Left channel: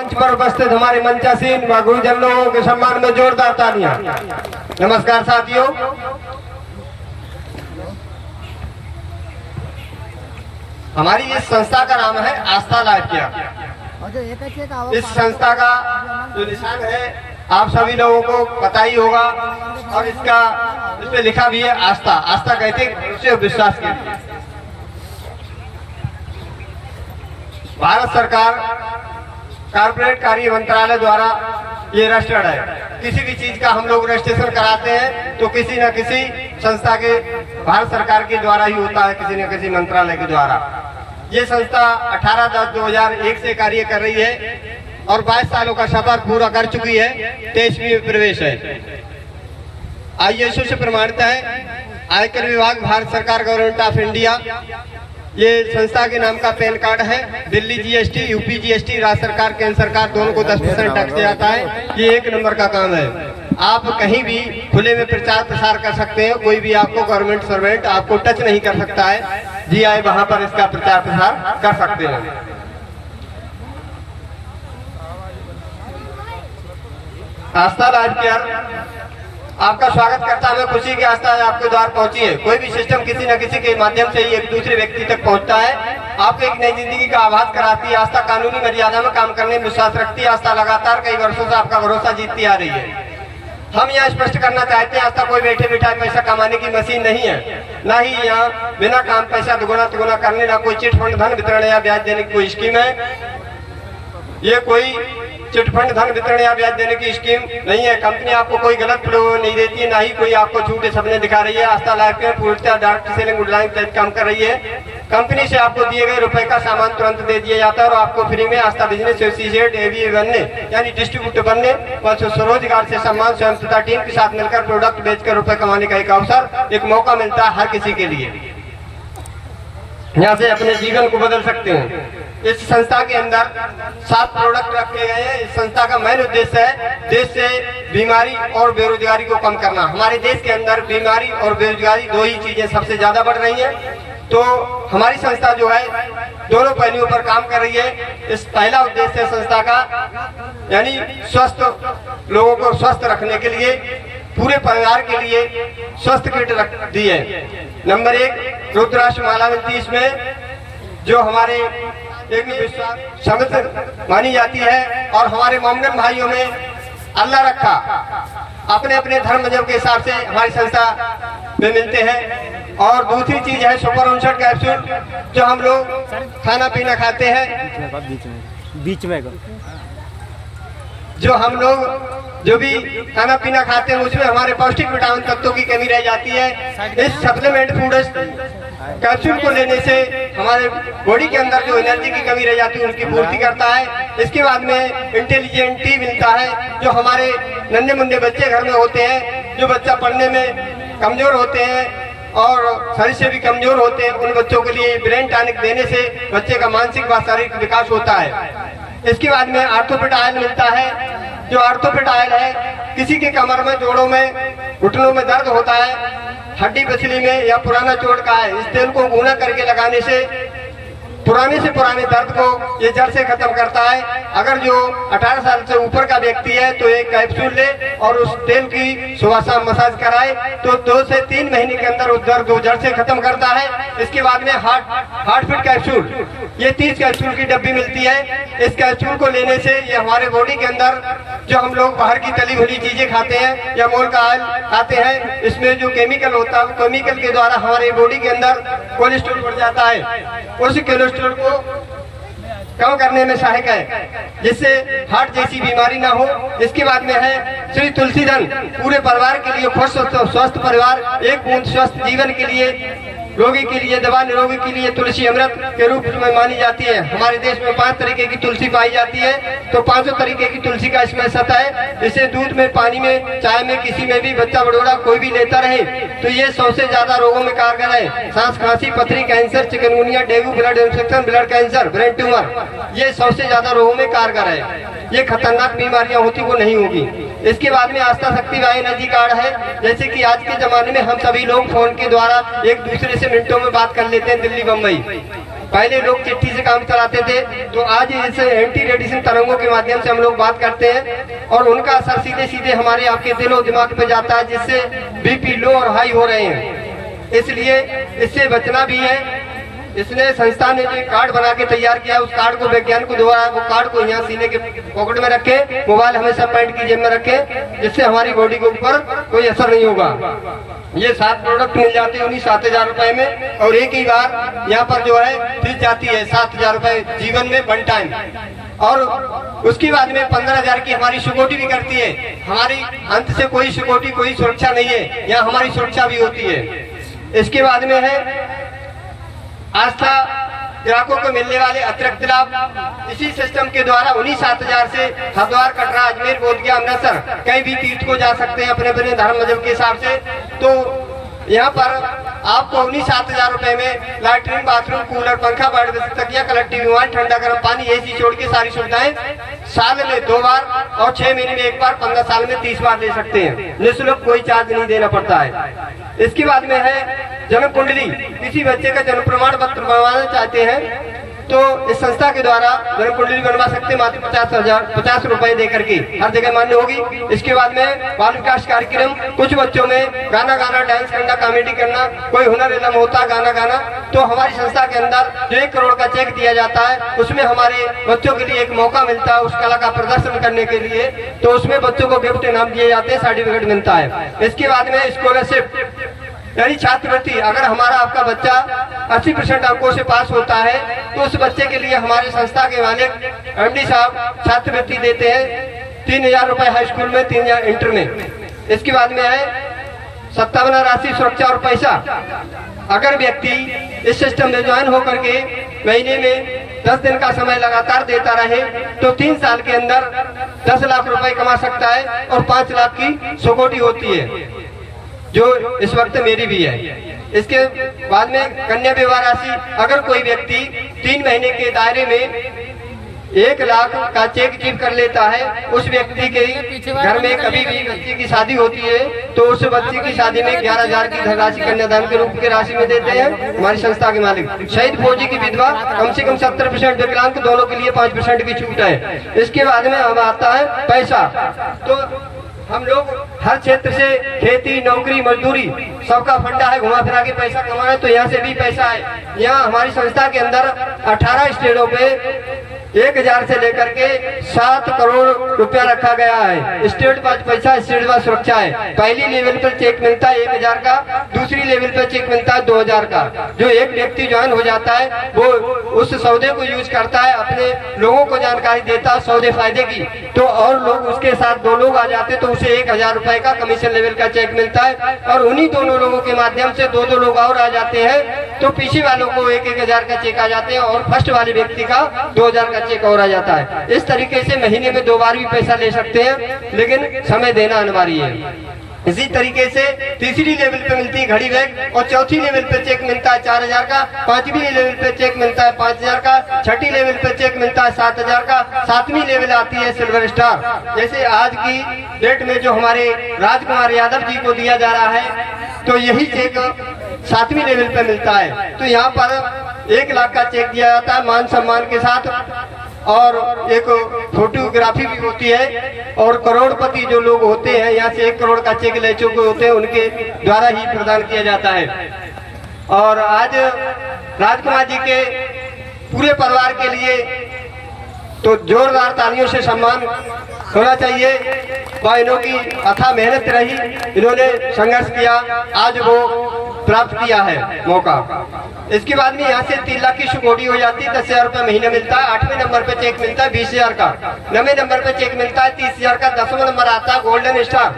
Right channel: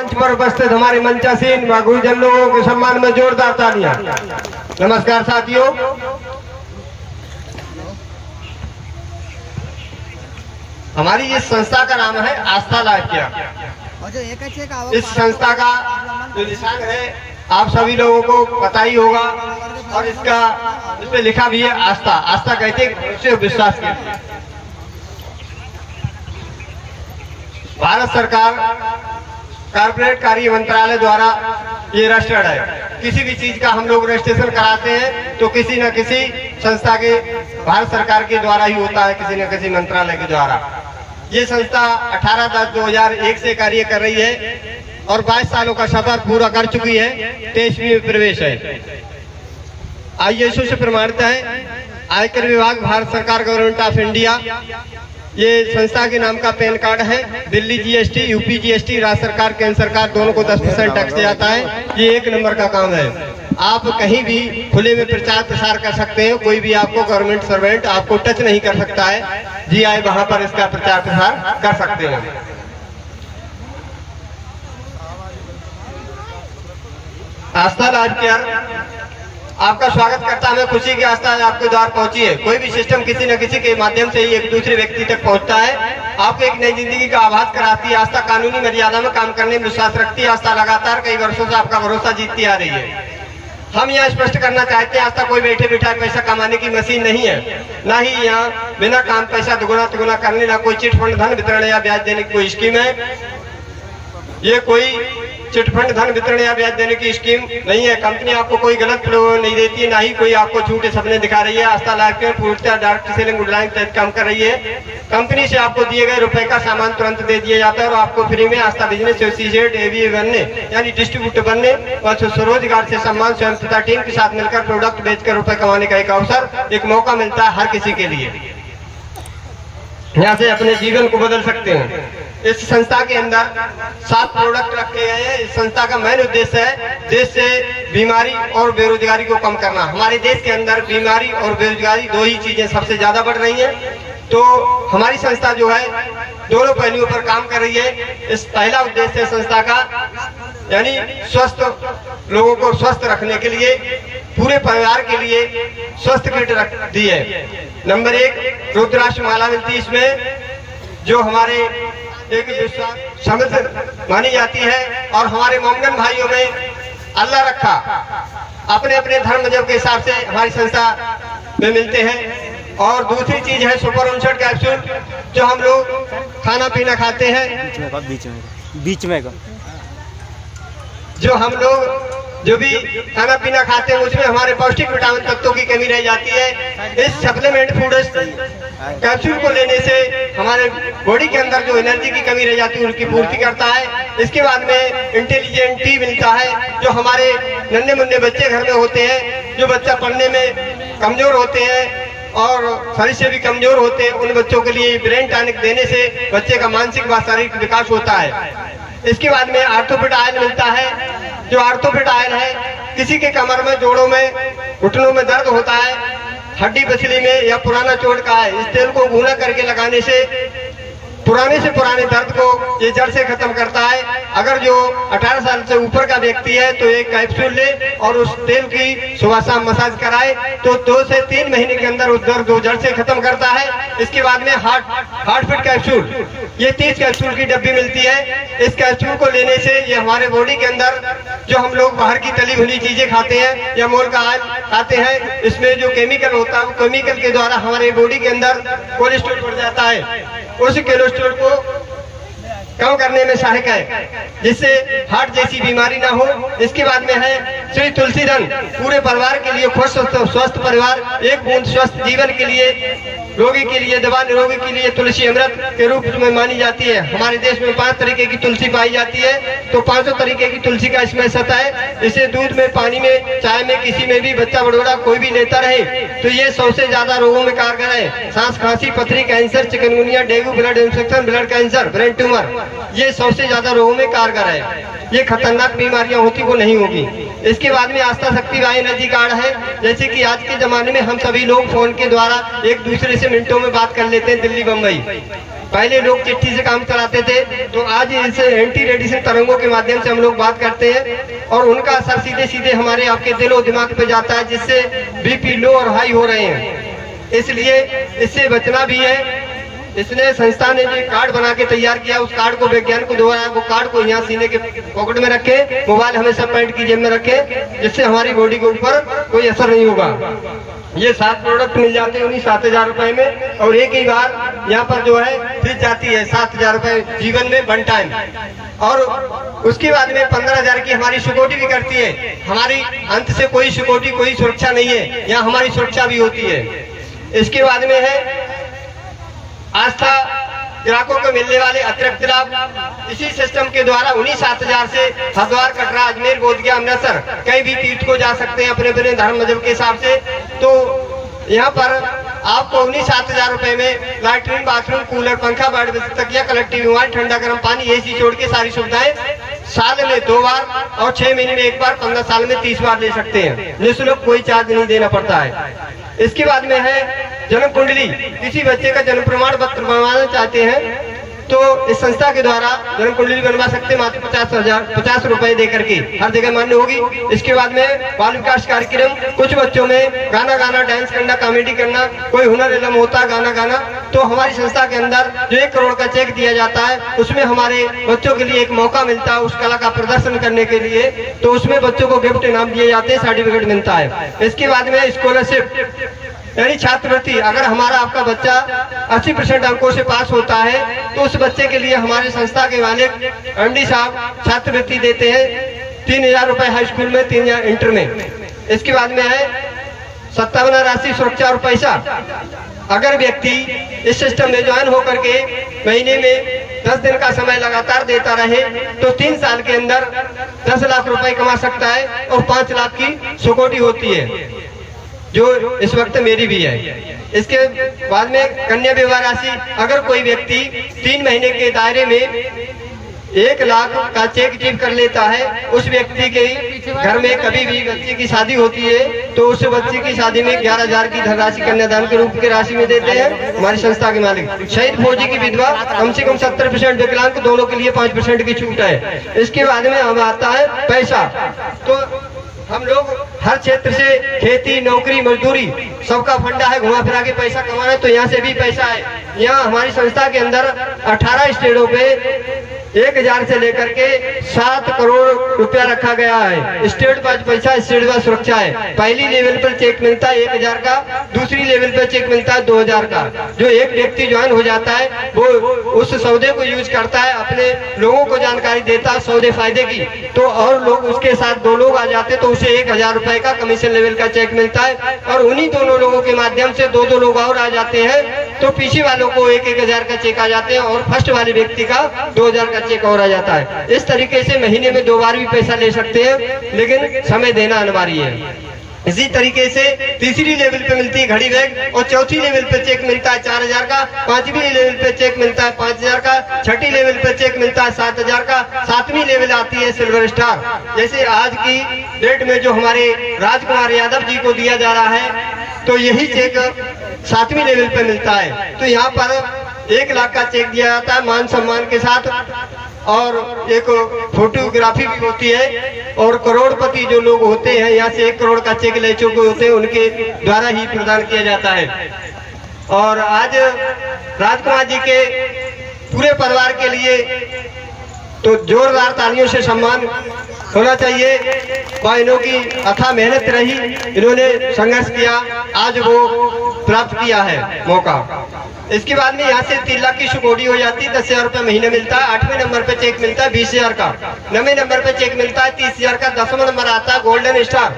मंच पर उपस्थित हमारे मंचासीन व गुरुजन लोगों के सम्मान में जोरदार तालियां। नमस्कार साथियों, हमारी इस संस्था का नाम है आस्था लाइफ केयर। इस संस्था का जो निशान है आप सभी लोगों को पता ही होगा और इसमें लिखा भी है आस्था। आस्था कहते हैं उसे विश्वास के लिए। भारत सरकार कारपोरेट कार्य मंत्रालय द्वारा ये रजिस्टर्ड है। किसी भी चीज का हम लोग रजिस्ट्रेशन कराते हैं तो किसी न किसी संस्था के भारत सरकार के द्वारा ही होता है, किसी न किसी मंत्रालय के द्वारा। ये संस्था 18/10/2001 से कार्य कर रही है और 22 सालों का सफर पूरा कर चुकी है। 23वीं में प्रवेश है। ISO से प्रमाणित है। आयकर विभाग, भारत सरकार, गवर्नमेंट ऑफ इंडिया। ये संस्था के नाम का पैन कार्ड है। दिल्ली GST, यूपी GST, राज्य सरकार, केंद्र सरकार दोनों को 10% टैक्स दिया जाता है। ये एक नंबर का काम है। आप कहीं भी खुले में प्रचार प्रसार कर सकते हैं। कोई भी आपको गवर्नमेंट सर्वेंट आपको टच नहीं कर सकता है। GI वहां पर इसका प्रचार प्रसार कर सकते हैं। आस्था लाइफ केयर आपका स्वागत करता है। खुशी की आस्था आपके द्वार पहुंची है। कोई भी सिस्टम किसी न किसी के माध्यम से ही एक दूसरे व्यक्ति तक पहुंचता है। आपको एक नई जिंदगी का आभास कराती है। आस्था कानूनी मर्यादा में काम करने में विश्वास रखती है। आस्था लगातार कई वर्षों से आपका भरोसा जीतती आ रही है। हम यहाँ स्पष्ट करना चाहते हैं, आस्था कोई बैठे बैठा पैसा कमाने की मशीन नहीं है। ना ही यहाँ बिना काम पैसा दुगुना तिगुना करने, ना कोई चिट फंड धन वितरण या ब्याज देने की कोई स्कीम है। ये कोई चिटफंड धन वितरण या ब्याज देने की स्कीम नहीं है। कंपनी आपको कोई गलत प्रलोभन नहीं देती है, ना ही कोई आपको झूठे सपने दिखा रही है। आस्था लाइफ केयर पूर्णतः डायरेक्ट सेलिंग ऑनलाइन काम कर रही है। कंपनी से आपको दिए गए रुपए का सामान तुरंत दे दिया जाता है और आपको फ्री में आस्था बिजनेस एसोसिएट ABA बनने यानी डिस्ट्रीब्यूटर बनने और स्वरोजगार से सम्मान स्वयं तथा टीम के साथ मिलकर प्रोडक्ट बेचकर रुपए कमाने का एक अवसर, एक मौका मिलता है हर किसी के लिए। यहाँ से अपने जीवन को बदल सकते हैं। इस संस्था के अंदर 7 प्रोडक्ट रखे गए हैं। इस संस्था का मेन उद्देश्य है देश से बीमारी और बेरोजगारी को कम करना। हमारे देश के अंदर बीमारी और बेरोजगारी दो ही चीजें सबसे ज्यादा बढ़ रही हैं। तो हमारी संस्था जो है दोनों पहलुओं पर काम कर रही है। इस पहला उद्देश्य संस्था का यानी स्वस्थ लोगों को स्वस्थ रखने के लिए, पूरे परिवार के लिए स्वस्थ किट रख दी है। नंबर 1 रुद्राक्ष माला मिलती है। इसमें जो हमारे एक विश्वास समझ मानी जाती है और हमारे मोमिन भाइयों में अल्लाह रखा अपने अपने धर्म मजहब के हिसाब से हमारी संस्था में मिलते हैं। और दूसरी चीज है सुपर उनसठ कैप्सूल, जो हम लोग खाना पीना खाते हैं, बीच में जो हम लोग जो भी खाना पीना खाते हैं उसमें हमारे पौष्टिक विटामिन तत्वों की कमी रह जाती है। इस सप्लीमेंट फूड कैप्सूल को लेने से हमारे बॉडी के अंदर जो एनर्जी की कमी रह जाती है उनकी पूर्ति करता है। इसके बाद में इंटेलिजेंट टी मिलता है, जो हमारे नन्हे मुन्ने बच्चे घर में होते हैं, जो बच्चा पढ़ने में कमजोर होते हैं और शरीर से भी कमजोर होते हैं, उन बच्चों के लिए ब्रेन टॉनिक देने से बच्चे का मानसिक व शारीरिक विकास होता है। इसके बाद में आर्थोपेड ऑयल मिलता है, जो आर्थोपेड ऑयल है किसी के कमर में, जोड़ों में, घुटनों में दर्द होता है, हड्डी पसली में या पुराना चोट का है, इस तेल को भूना करके लगाने से पुराने से पुराने दर्द को ये जड़ से खत्म करता है। अगर जो 18 साल से ऊपर का व्यक्ति है तो एक कैप्सूल ले और उस तेल की सुबह शाम मसाज कराए तो 2 से 3 महीने के अंदर उस दर्द को जड़ से खत्म करता है। इसके बाद में हार्ट फिट कैप्सूल, ये 30 कैप्सूल की डब्बी मिलती है। इस कैप्सूल को लेने से ये हमारे बॉडी के अंदर जो हम लोग बाहर की तली भुनी चीजें खाते हैं या मोल का ऑयल खाते हैं, इसमें जो केमिकल होता है केमिकल के द्वारा हमारे बॉडी के अंदर कोलेस्ट्रॉल बढ़ जाता है। उस कोलेस्ट्रॉल को कम करने में सहायक है, जिससे हार्ट जैसी बीमारी ना हो। इसके बाद में है श्री तुलसी धन, पूरे परिवार के लिए खुश स्वस्थ परिवार, एक बूंद स्वस्थ जीवन के लिए, रोगी के लिए, दवा निरोगी के लिए तुलसी अमृत के रूप में मानी जाती है। हमारे देश में 5 तरीके की तुलसी पाई जाती है, तो 500 तरीके की तुलसी का इसमें सत है। इसे दूध में, पानी में, चाय में, किसी में भी बच्चा बड़ोड़ा कोई भी लेता रहे तो ये 100 से ज्यादा रोगों में कारगर है। सांस, खांसी, पथरी, cancer, chikungunya, dengue, blood infection, blood cancer, brain tumour, ये 100 से ज्यादा रोगों में कारगर है। ये खतरनाक बीमारियां होती वो नहीं होगी। इसके बाद में आस्था शक्ति वाई एनर्जी कार्ड है। जैसे कि आज के जमाने में हम सभी लोग फोन के द्वारा एक दूसरे से मिनटों में बात कर लेते हैं दिल्ली बम्बई, पहले लोग चिट्ठी से काम चलाते थे, तो आज इस एंटी रेडिएशन तरंगों के माध्यम से हम लोग बात करते हैं और उनका असर सीधे सीधे हमारे आपके दिल और दिमाग पे जाता है, जिससे बीपी लो और हाई हो रहे हैं। इसलिए इससे बचना भी है। इसलिए संस्था ने जो कार्ड बना के तैयार किया, उस कार्ड को वैज्ञानिकों द्वारा वो कार्ड को यहाँ सीने के पॉकेट में रखे, मोबाइल हमेशा पैंट की जेब में रखे, जिससे हमारी बॉडी के ऊपर कोई असर नहीं होगा। ये 7 प्रोडक्ट मिल जाते हैं उन्हीं 7,000 रुपए में, और एक ही बार यहाँ पर जो है फ्रिज जाती है 7,000 रुपए जीवन में 1 टाइम। और उसके बाद में 15,000 की हमारी सिक्योरिटी भी करती है। हमारी अंत से कोई सिक्योरिटी, कोई सुरक्षा नहीं है, यहाँ हमारी सुरक्षा भी होती है। इसके बाद में है आस्था, ग्राहकों को मिलने वाले अतिरिक्त लाभ इसी सिस्टम के द्वारा उन्हीं 7,000 से हरिद्वार, कटरा, अजमेर, बोधगया, अमृतसर कहीं भी तीर्थ को जा सकते हैं अपने अपने धर्म मजहब के हिसाब से। तो यहाँ पर आपको उन्हीं 7,000 रुपए में लैट्रिन, बाथरूम, कूलर, पंखा, बेड, तकिया, कलेक्टिव विमान, ठंडा गर्म पानी, एसी छोड़ के सारी सुविधाएं साल में 2 बार और 6 महीने में 1 बार, 15 साल में 30 बार ले सकते हैं। निःशुल्क, कोई चार्ज नहीं देना पड़ता है। इसके बाद में है जन्म कुंडली। किसी बच्चे का जन्म प्रमाण पत्र बनवाना चाहते हैं तो इस संस्था के द्वारा जन्म कुंडली बनवा सकते हैं मात्र 50 रुपए देकर के, हर जगह मान्य होगी। इसके बाद में बाल विकास कार्यक्रम, कुछ बच्चों में गाना गाना, डांस करना, कॉमेडी करना, कोई हुनर इलम होता गाना गाना, तो हमारी संस्था के अंदर जो 1 करोड़ का चेक दिया जाता है, उसमें हमारे बच्चों के लिए एक मौका मिलता है उस कला का प्रदर्शन करने के लिए। तो उसमें बच्चों को गिफ्ट इनाम दिए जाते हैं, सर्टिफिकेट मिलता है। इसके बाद में स्कॉलरशिप यानी छात्रवृत्ति। अगर हमारा आपका बच्चा 80% अंकों से पास होता है तो उस बच्चे के लिए हमारे संस्था के मालिक एमडी साहब छात्रवृत्ति देते हैं 3,000 रुपए हाई स्कूल में, 3,000 इंटर में। इसके बाद में है 57 राशि सुरक्षा और पैसा। अगर व्यक्ति इस सिस्टम में ज्वाइन होकर के महीने में 10 दिन का समय लगातार देता रहे तो 3 साल के अंदर 10 लाख रुपए कमा सकता है और 5 लाख की सिक्योरिटी होती है, जो इस वक्त मेरी भी है। इसके बाद में कन्या विवाह राशि। अगर कोई व्यक्ति 3 महीने के दायरे में 1 लाख का चेक चीफ कर लेता है, उस व्यक्ति के घर में कभी भी बच्चे की शादी होती है तो उस बच्चे की शादी में 11,000 की धनराशि कन्यादान के रूप के राशि में देते हैं हमारी संस्था के मालिक। शहीद फौजी की विधवा कम से कम 70%, विकलांग दोनों के लिए 5% की छूट है। इसके बाद में अब आता है पैसा। तो हम लोग हर क्षेत्र से खेती, नौकरी, मजदूरी सबका फंडा है, घुमा फिरा के पैसा कमाना, तो यहाँ से भी पैसा है। यहाँ हमारी संस्था के अंदर 18 स्टेटों पे 1,000 से लेकर के 7 करोड़ रुपया रखा गया है। स्टेट वाइज पैसा, स्टेट वाइज सुरक्षा है। पहली लेवल पर चेक मिलता है 1,000 का, दूसरी लेवल पर चेक मिलता है 2,000 का। जो एक व्यक्ति ज्वाइन हो जाता है वो उस सौदे को यूज करता है, अपने लोगों को जानकारी देता है सौदे फायदे की, तो और लोग उसके साथ 2 लोग आ जाते तो उसे 1,000 रुपए का कमीशन लेवल का चेक मिलता है। और उन्हीं दोनों लोगों के माध्यम से 2 लोग और आ जाते हैं तो पीछे वालों को 1,000 का चेक आ जाते हैं और फर्स्ट वाले व्यक्ति का 2,000 का चेक और आ जाता है। इस तरीके से महीने में 2 बार भी पैसा ले सकते हैं, लेकिन समय देना अनिवार्य है। इसी तरीके से तीसरी लेवल पे मिलती है घड़ी बैग और चौथी लेवल पे चेक मिलता है 4,000 का, 5वीं लेवल पे चेक मिलता है 5,000 का, 6ठी लेवल पे चेक मिलता है 7,000 का, 7वीं लेवल आती है सिल्वर स्टार। जैसे आज की डेट में जो हमारे राजकुमार यादव जी को दिया जा रहा है तो यही चेक 7वीं लेवल पे मिलता है। तो यहाँ पर 1 लाख का चेक दिया जाता है मान सम्मान के साथ और एक फोटोग्राफी भी होती है। और करोड़पति जो लोग होते हैं यहाँ से 1 करोड़ का चेक ले चुके होते हैं, उनके द्वारा ही प्रदान किया जाता है। और आज राजकुमार जी के पूरे परिवार के लिए तो जोरदार तालियों से सम्मान होना चाहिए। इन्हों की अथाह मेहनत रही, इन्होंने संघर्ष किया, आज वो प्राप्त किया है मौका। इसके बाद में यहाँ से 3 लाख की सिक्योरिटी हो जाती है, 10,000 रुपए महीने मिलता है। 8वें नंबर पे चेक मिलता है 20,000 का, 9वें नंबर पे चेक मिलता है 30,000 का, 10वां नंबर आता है गोल्डन स्टार,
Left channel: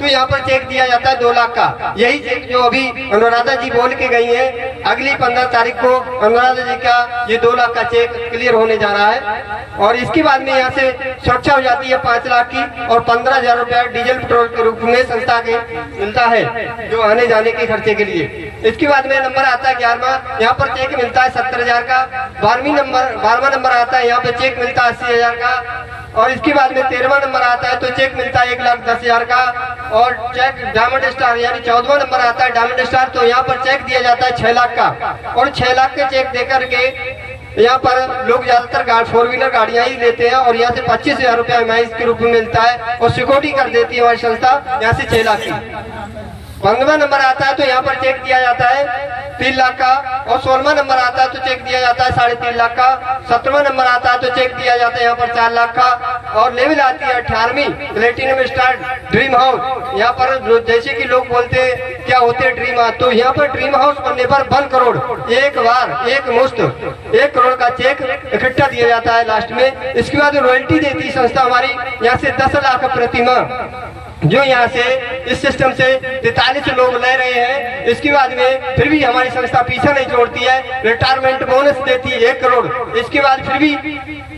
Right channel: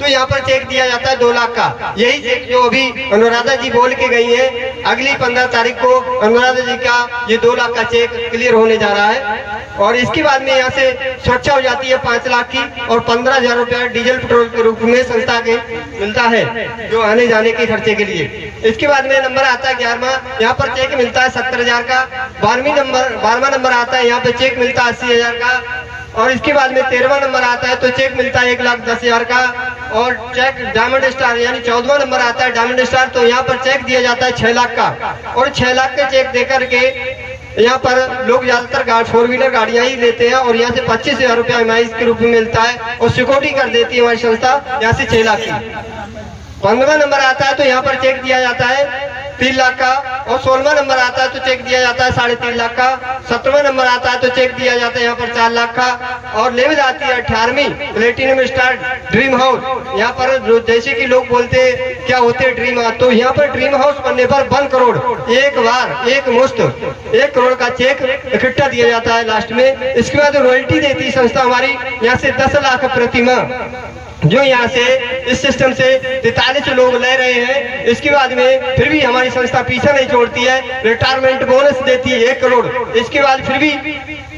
तो यहाँ पर चेक दिया जाता है 2 लाख का। यही चेक जो अभी अनुराधा जी बोल के गई है, अगली 15 तारीख को अनुराधा जी का ये 2 लाख का चेक क्लियर होने जा रहा है। और इसके बाद में यहाँ से सुरक्षा हो जाती है 5 लाख की और 15,000 रुपया डीजल पेट्रोल के रूप में संस्था के मिलता है जो आने जाने के खर्चे के लिए। इसके बाद में नंबर आता है 11वां, यहाँ पर चेक मिलता है 70,000 का। 12वां नंबर आता है, यहाँ पे चेक मिलता है 80,000 का। और इसके बाद में 13वां नंबर आता है तो चेक मिलता है 1,10,000 का। और चेक डायमंड स्टार यानी 14वां नंबर आता है डायमंड स्टार, तो यहाँ पर चेक दिया जाता है 6 लाख का। और 6 लाख के चेक देकर के यहाँ पर लोग ज्यादातर 4 व्हीलर गाड़ियां ही लेते हैं और यहाँ से 25,000 रुपया EMI के रूप में मिलता है और सिक्योरिटी कर देती है हमारी संस्था यहाँ से 6 लाख की। 15वां नंबर आता है तो यहाँ पर चेक दिया जाता है 3 लाख का और 16वां नंबर आता है तो चेक दिया जाता है 3.5 लाख का। 17वां नंबर आता है तो चेक दिया जाता है यहाँ पर 4 लाख का। और लेवल आती है 18वीं प्लेटिनम स्टार ड्रीम हाउस। यहाँ पर जो जैसे कि लोग बोलते हैं क्या होते हैं ड्रीम हाउस, तो यहाँ पर ड्रीम हाउस बनने पर 1 करोड़ एक बार एक मुश्त 1 करोड़ का चेक इकट्ठा दिया जाता है लास्ट में। इसके बाद रॉयल्टी देती है संस्था हमारी यहाँ से 10 लाख प्रति माह, जो यहाँ से इस सिस्टम से 43 लोग ले रहे हैं। इसके बाद में फिर भी हमारी संस्था पीछा नहीं छोड़ती है, रिटायरमेंट बोनस देती है 1 करोड़। इसके बाद फिर भी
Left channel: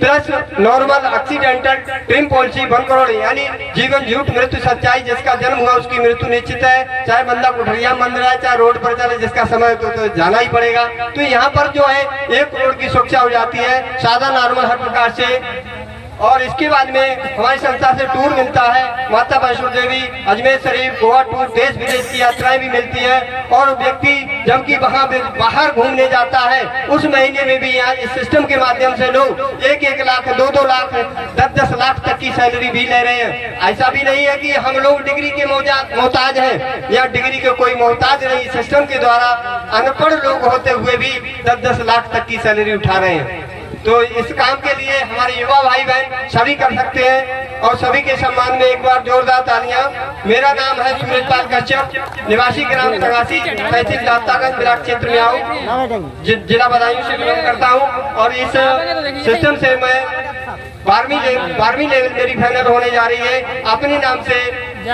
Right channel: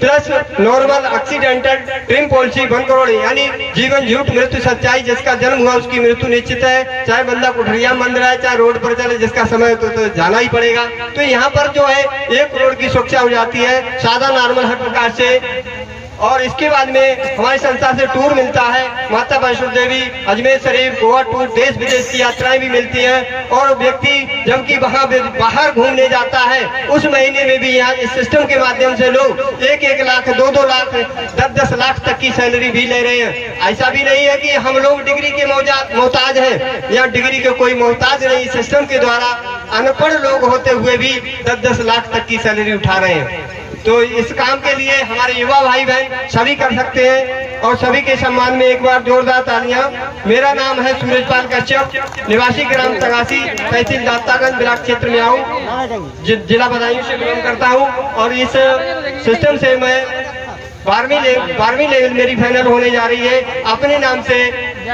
plus normal accidental dream policy 1 crore, यानी जीवन झूठ मृत्यु सच्चाई, जिसका जन्म हुआ उसकी मृत्यु निश्चित है, चाहे बंदा कुठरिया बंद रहा है चाहे रोड पर चले, जिसका समय तो जाना ही पड़ेगा। तो यहाँ पर जो है 1 करोड़ की सुरक्षा हो जाती है सादा नॉर्मल हर प्रकार से। और इसके बाद में हमारी संस्था से टूर मिलता है, माता वैष्णो देवी, अजमेर शरीफ, गोवा टूर, देश विदेश की यात्राएं भी मिलती हैं। और व्यक्ति जबकि वहाँ बाहर घूमने जाता है उस महीने में भी यहाँ इस सिस्टम के माध्यम से लोग 1-1 लाख 2-2 लाख 10-10 लाख तक की सैलरी भी ले रहे हैं। ऐसा भी नहीं है कि हम लोग डिग्री के मोहताज हैं, या डिग्री के कोई मोहताज नहीं। सिस्टम के द्वारा अनपढ़ लोग होते हुए भी 10-10 लाख तक की सैलरी उठा रहे हैं। तो इस काम के लिए हमारे युवा भाई बहन सभी कर सकते हैं और सभी के सम्मान में एक बार जोरदार तालियां। मेरा नाम है सूरजपाल कश्यप, निवासी ग्राम तंगासी, तहसील दातागंज, ब्लॉक क्षेत्र में आऊँ, जिला बदायूं से बिलोंग करता हूँ। और इस सिस्टम से मैं 12वीं लेवल मेरी फाइनल होने जा रही है। अपने नाम से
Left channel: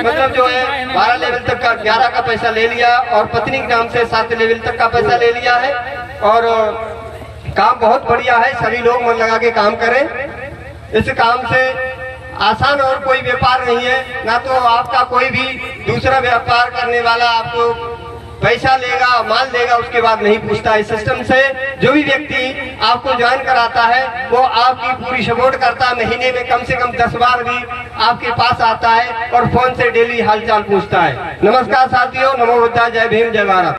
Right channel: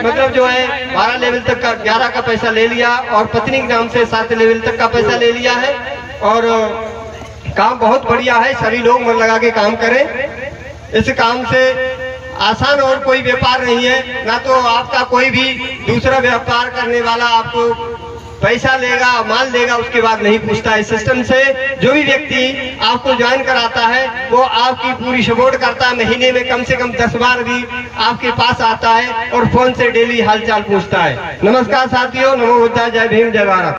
मतलब जो है 12 लेवल तक का 11 का पैसा ले लिया और पत्नी के नाम से 7 लेवल तक का पैसा ले लिया है। और काम बहुत बढ़िया है, सभी लोग मन लगा के काम करें। इस काम से आसान और कोई व्यापार नहीं है, ना तो आपका कोई भी दूसरा व्यापार करने वाला आपको पैसा लेगा माल देगा उसके बाद नहीं पूछता है। इस सिस्टम से जो भी व्यक्ति आपको ज्वाइन कराता है वो आपकी पूरी सपोर्ट करता है, महीने में कम से कम 10 बार भी आपके पास आता है और फोन से डेली हालचाल पूछता है। नमस्कार साथियों, नमो बुद्धाय, जय भीम, जय भारत।